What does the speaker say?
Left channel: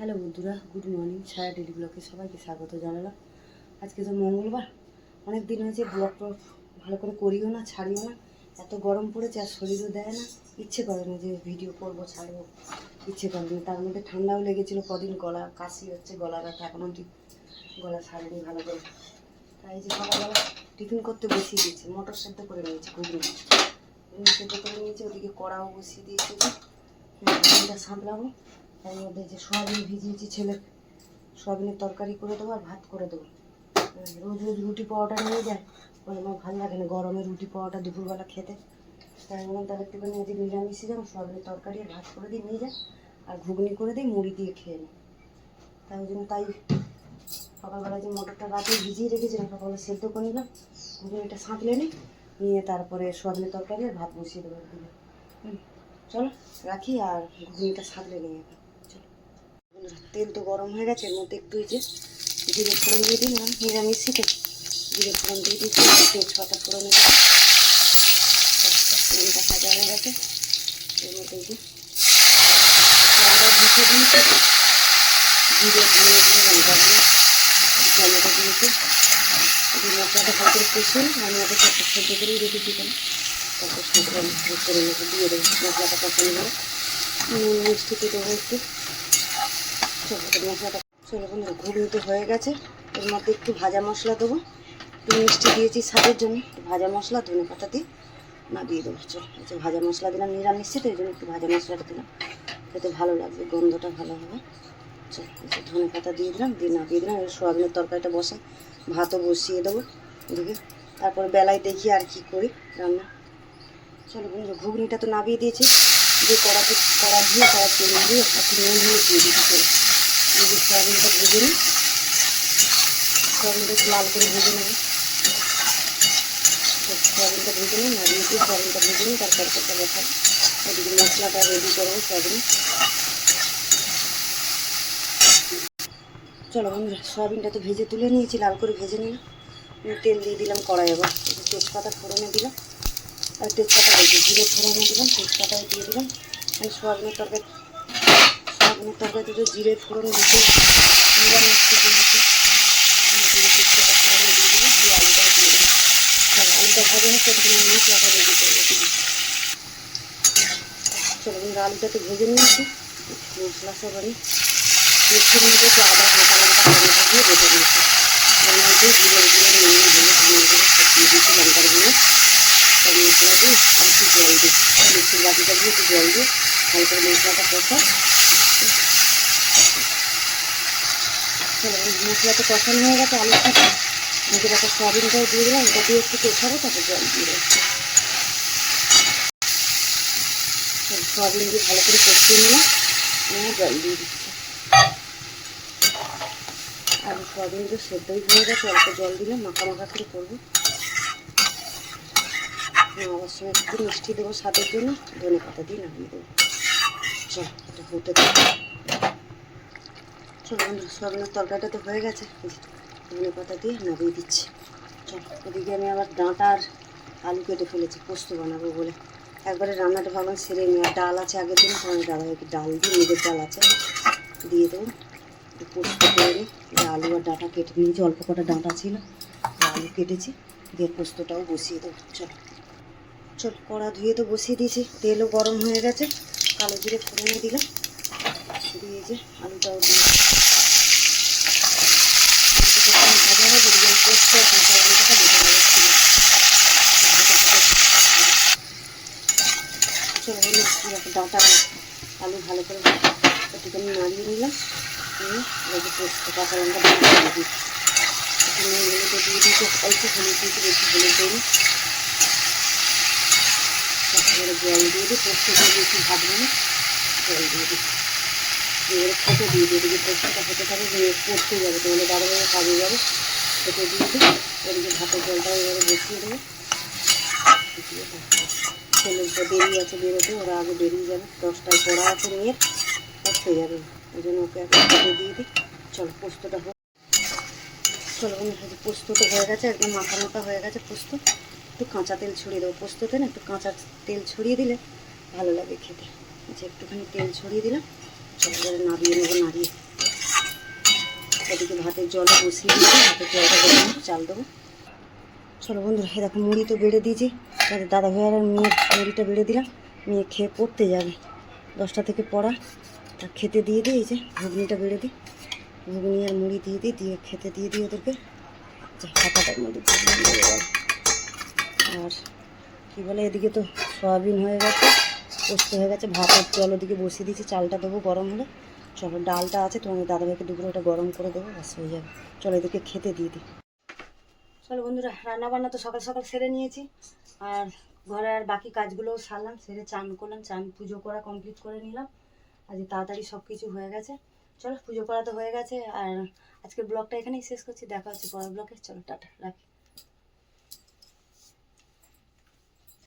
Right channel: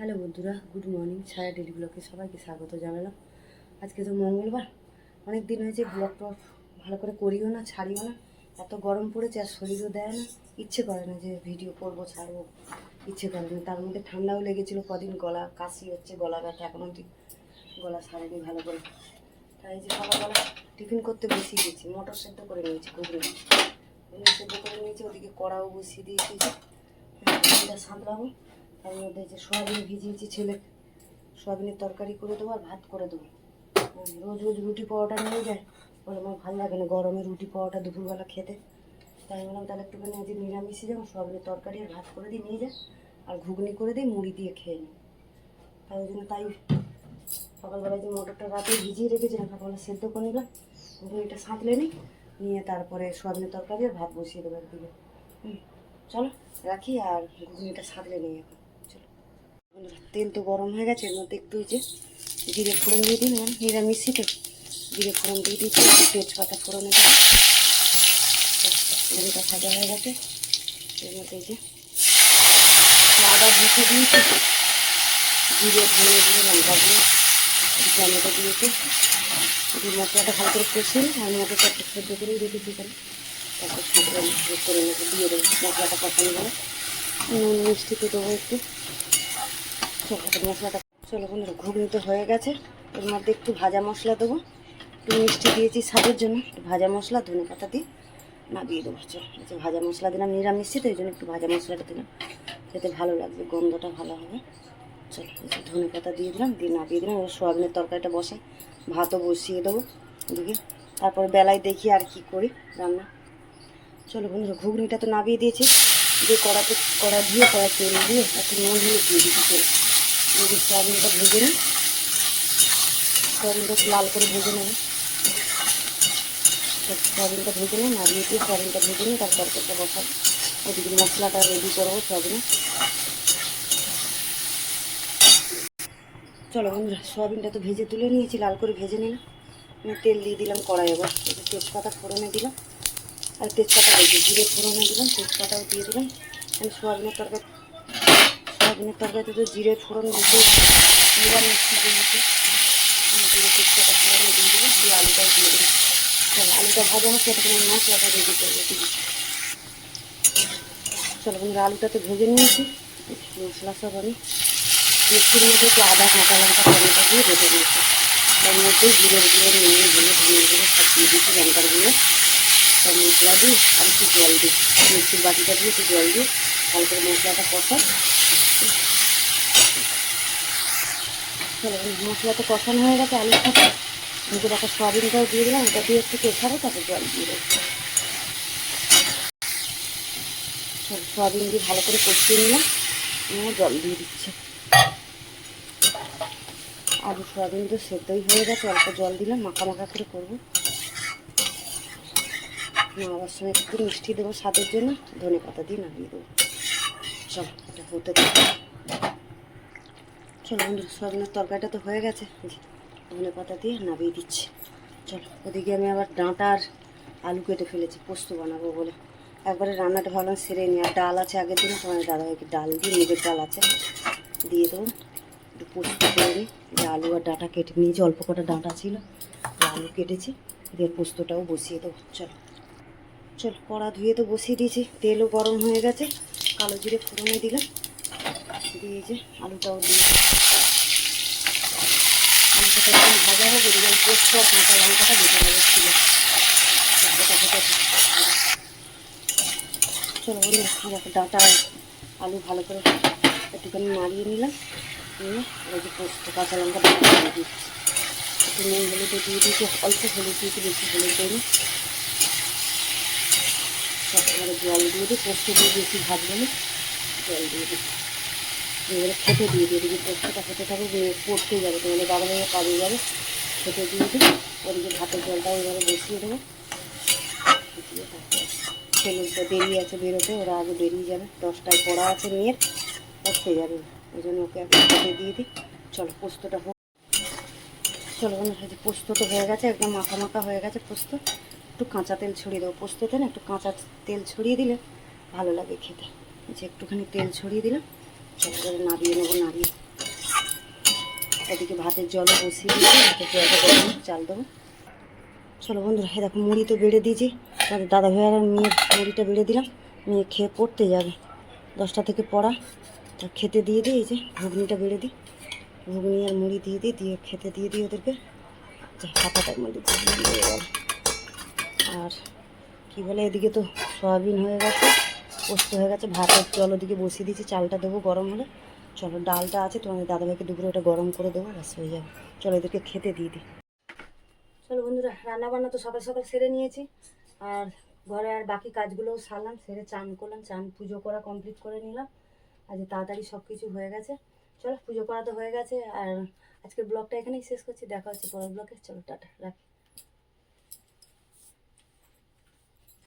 Hello বন্ধুরা, good morning. ছায়া daily ব্লগে সবাইকে স্বাগত জানালাম। আজকে তো মঙ্গলবার, অনেক দিন হয়েছে ব্লগ টগ ভালো করে করিও না, ছাড়িও না। এত গরম পড়েছে আর শরীরও দেয় না, ইচ্ছে করে না যে ভিডিও করবো ছাড়বো, ইচ্ছে করে না। তার মধ্যে ঠান্ডাও লেগেছিলো কদিন, গলা কাশি হচ্ছে, গলা ব্যথা এখনও গলা সারেনি ভালো করে। তাই যে সকালবেলা টিফিন করতে বসিয়ে দিয়েছি, মটর সেদ্ধ করে নিয়েছি, ঘুগনি সেদ্ধ করে নিয়েছি, ওদিকে কড়াও বসিয়ে দিয়েছি। ঘুগনিটা সাঁতলাবো, তার মধ্যে যে সোয়াবিন ভিজিয়েছি, ছেলে সোয়াবিনের তরকারি করে দেবো আর ভাত করে দেবো। রোজ রোজ রুটি পাওয়াটা নিয়ে যায়, বলে আমার ভালো লাগে না গরমে রুটি পাওয়াটা দুপুরবেলা খেতে। তাই বললাম তাহলে একটুখানি আজ নিরামিষে যাবো, সোয়াবিনের তরকারি আর ভাত করে দিই নিয়ে যায়, আর ঘুগনি করে দিই, মুড়ি দিয়ে খেয়ে নিই। তাই ওই জন্য তাই সকালবেলা যে মটরটা রাতে ভিজিয়ে রেখেছিলাম, সকালবেলা সেদ্ধ করে নিলাম, ঘুগনিটা সাঁতলে নিই, নিয়ে তারপরে সোয়াবিনের তরকারি আর ভাত বসিয়ে দেবো একদিকে। চলো রাখি, আর ঘুগনিটা সাঁতলে নিই এখন। চলো তেল তো গরম হয়ে গেছে, এর মধ্যে একটু যে জিরে ফোড়ন দিয়ে দিলাম, নিরামিষিতে জিরে ফোড়ন দিয়ে দিচ্ছি, তেজপাতা ফোড়ন ফোড়নটা ভাজা হয়ে গেছে। এর মধ্যে যে আদা ভুষে দিয়েছি, জিরে ধনে দিয়ে লঙ্কা দিয়ে টমেটো দিয়েছি, এই মশলাটা ভালো করে কষে আর মটরটা একটু সেদ্ধ করেই রেখেছি কেন, তারপর সাঁতরে করে নেবো, দিয়ে দেবো মশলাটা কষানো করে, নুন মিষ্টিতে দেবো একটু। মশলাটা চলো বন্ধুরা, ঘুগনি তো হয়ে গেছে, এর মধ্যে একটু ভাজা মশলা দেবো, একটু মিষ্টি দিয়েছি স্বাদের জন্য, ভাজা মশলা ধনে পাতা দিয়ে নামিয়ে দেবো। চলো আচ্ছা, ভাজা মশলা দিলাম, নিরামিষ তো এই জন্য একটু ভাজা মশলাটা দিলাম, খেতে ভালো লাগবে, গন্ধটা ভালো হবে। চলো আচ্ছা, ধনে পাতা দিয়ে দিলাম, দিয়ে নামিয়ে দিলাম। এবার সোয়াবিনের তরকারিটা বসাই, ভাতও বসিয়ে দেবো এদিকে, তারপরে বেলায় দেখি আর কি করি রান্না। চলো বন্ধুরা, ঘুগনিটা তো নামিয়ে দিয়েছি, দিয়ে কড়া দিয়ে কড়া তেল দিয়ে একটু নুন হলুদ দিয়ে দিচ্ছি। তেল দিয়ে সোয়াবিনটা ভেজে নিই, সোয়াবিনটা একটু লাল করে ভেজে নেব, সোয়াবিনটা ভেজে নিই, নাড়িয়ে দিয়ে সোয়াবিনটা ভেজে নিই, তার তরকারিটা বসাবো, ওদিকে মশলাটা রেডি করবো সোয়াবিনে। চলো বন্ধুরা, সোয়াবিনটা তো ভেজে তুলে নিয়েছি, লাল করে ভেজে নিলাম, তেল দিয়ে দিলাম কড়াই, আবার তেজপাতা ফোড়নে দিলাম, আর তেজপাতা বলছি জিরে ফোড়নে দিলাম, তেজপাতাও দিয়ে দিলাম। আমি সোয়াবিনের তরকারিতে তো জিরে ফোড়ন দিতে মিষ্টি দিয়েছি, জিরে তেজপাতা ফোড়নে দিয়ে দিলাম, দিয়ে আলুটাও দিয়ে দিলাম। চলো আলুটা ভাজা হচ্ছে, তখন মশলাটা রেডি করবো দিদি। চলো বন্ধুরা, আলুটা তো ভেজে নিয়েছি, মশলা সব আমি মিষ্টির মধ্যে একটু আদা কাঁচা লঙ্কা টমেটো দিয়ে বেটে দিয়েছি, তার মধ্যে জিরে নুন হলুদ ধনে গুঁড়ো সব দিয়ে দিয়েছি, লঙ্কার গুঁড়ো সব মশলা দিয়ে আর একটু জল দিই, মিক্সির বাটিটা দিয়ে একটু জল দিয়ে ভালো করে মশলাটা কষাই। চলো মশলাটা কষানো হয়ে গেছে, আলুর সাথে নিজের একটা সোয়াবিনটাও দিয়ে দিলাম, ওটা দিয়ে একটু কষাবো, তারপর জল দিয়ে দেবো। সোয়াবিন দিয়ে ভালো করে কষিয়ে নিলাম, জল দিয়ে দিচ্ছি, আর সোয়াবিন তো সেদ্ধই হয়ে গেছে, অল্প জল দিলাম, মাখা মাখা করে করবো। নামাবার সময় একটু মিষ্টি দেবো স্বাদের জন্য, ধনে পাতা দিয়ে নামিয়ে দেবো। চলো এটা হতে দেবো। চলো বন্ধুরা, সোয়াবিনের তরকারিটা তো হয়ে গেছে, ধনে পাতা দিয়ে নামিয়ে দিচ্ছি। চলো ওদিকে আমি আবার ডাঁটা আর আলু কেটে ফেলেছি, পোস্ত বানাবো বলে, একবারে রান্নাটা ভাবলাম সেরে নিই। আর ডাল আছে আগের দিন, তোমার দাদাভাইকে ডাল দিয়ে, নিজের ডাল আছে দিয়ে দেবো, একটু পোস্ত করে নিই। যে আলু আর ডাঁটা কেটে নিয়েছি, অল্প কটা ডাঁটা ছিল, আলু কেটেছি, দিয়ে পোস্তটাও বসিয়ে দেবো। চলো কড়া ধুয়ে তো বসিয়ে দিয়েছি, তেলও গরম হয়ে গেছে, কালো জিরে ফোড়নে দিলাম, দিয়ে যে আলুটাও দিয়ে আলুটা ভাজা হবে, দিয়ে পোস্ত আর কাঁচা লঙ্কাটা বেটে নেবো ছিল। চলো বন্ধু, ডাঁটা আলু ভালো করে একটুখানি নাড়িয়ে নিলাম, নিয়ে ওই যে পোস্ত কাঁচা লঙ্কা দিয়ে দিই, একটু নুন হলুদও দিয়ে দিয়েছি, অল্প হলুদ দিয়েছি, বেশি হলুদ দিইনি। তারপরে জল দিয়ে দিই, পোস্ত দিয়ে বেশি ভাজবো না, জল দিয়ে দিই, এবারে খেতে দিয়ে দিই, এদিকে পোস্তটা খেতে থাকবে, পড়তে যাবে, তোমাদের দাদাভাইয়া কাজে যাবে, খেতে দিয়ে দিই। ওদিকে ভাতের জলটাও এবারে বসিয়ে দেবো, ছেলের তো দেরি আছে বেরোতে, ওরা আগে বেরিয়ে যাবে, 10টায় পড়া আছে মেয়ের, পড়তে যাবে, ওই জন্য ওকে এখন খেতে দিয়ে দিই। চলো পোস্তটা হোক। চলো বন্ধুরা, পোস্তটা হয়ে গেছে, একদম মাখা মাখা হয়ে গেছে পোস্ত, একটু কাঁচা তেল ছড়িয়ে দেবো, পোস্ততে না একটু কাঁচা তেল ছড়িয়ে দিলে ভালো লাগে খেতে, যে একটুখানি তেল ছড়িয়ে দিলাম। চলো করে নাড়িয়ে নেবো, নাড়িয়ে এদিকে ভাতের জলও বসিয়ে দিয়েছি, ভাতের জলটা গরম হোক, চাল দেবো। চলো বন্ধুরা, এই দেখো মুড়ি তো বেড়ে দিয়েছি, আমাদের দাদা ভাইয়ার আর মেয়ের মুড়িটা বেড়ে দিলাম, মেয়ে খেয়ে পড়তে যাবে, 10টা থেকে পড়া, তা খেতে দিয়ে দিই। এই যে ঘুগনিটা বেড়ে দিই, ঘুগনি আর মুড়ি দিয়ে দিই, দিয়ে খেতে দিয়ে দিই ওদেরকে। আচ্ছা, হাতাটার মধ্যে ঘুগনি দিয়ে গেল। আর কী বলে, এদিকে তো সয়াবিন হয়ে গেছে, পোস্ত হয়ে গেছে, ভাতের জল ওদিকে বসিয়ে দিয়েছি, চালটা দেবো গরম হলে। চলো, ডালটা আছে, তোমাদের দাদাভাইকে দুপুরে ওটা গরম করে দেবো, ব্যাস হয়ে যাবে। চলো এদেরকে খেতে দিয়ে দিই। চলো বন্ধুরা, রান্নাবান্না তো সকাল সকাল সেরে নিয়েছি, আর ঘরে আর বাকি কাজগুলোও সারলাম, সেরে চান করলাম, চান পুজো করা কমপ্লিট করে নিলাম। আজ তাড়াতাড়ি সব কিছু হয়ে গেছে। চলো, পুজো করা তো হয়ে গেছে, আর আজকের ব্লগটা এখানেই শেষ করছি, দেখা হচ্ছে পরের ব্লগে। চলো টাটা, রাখি।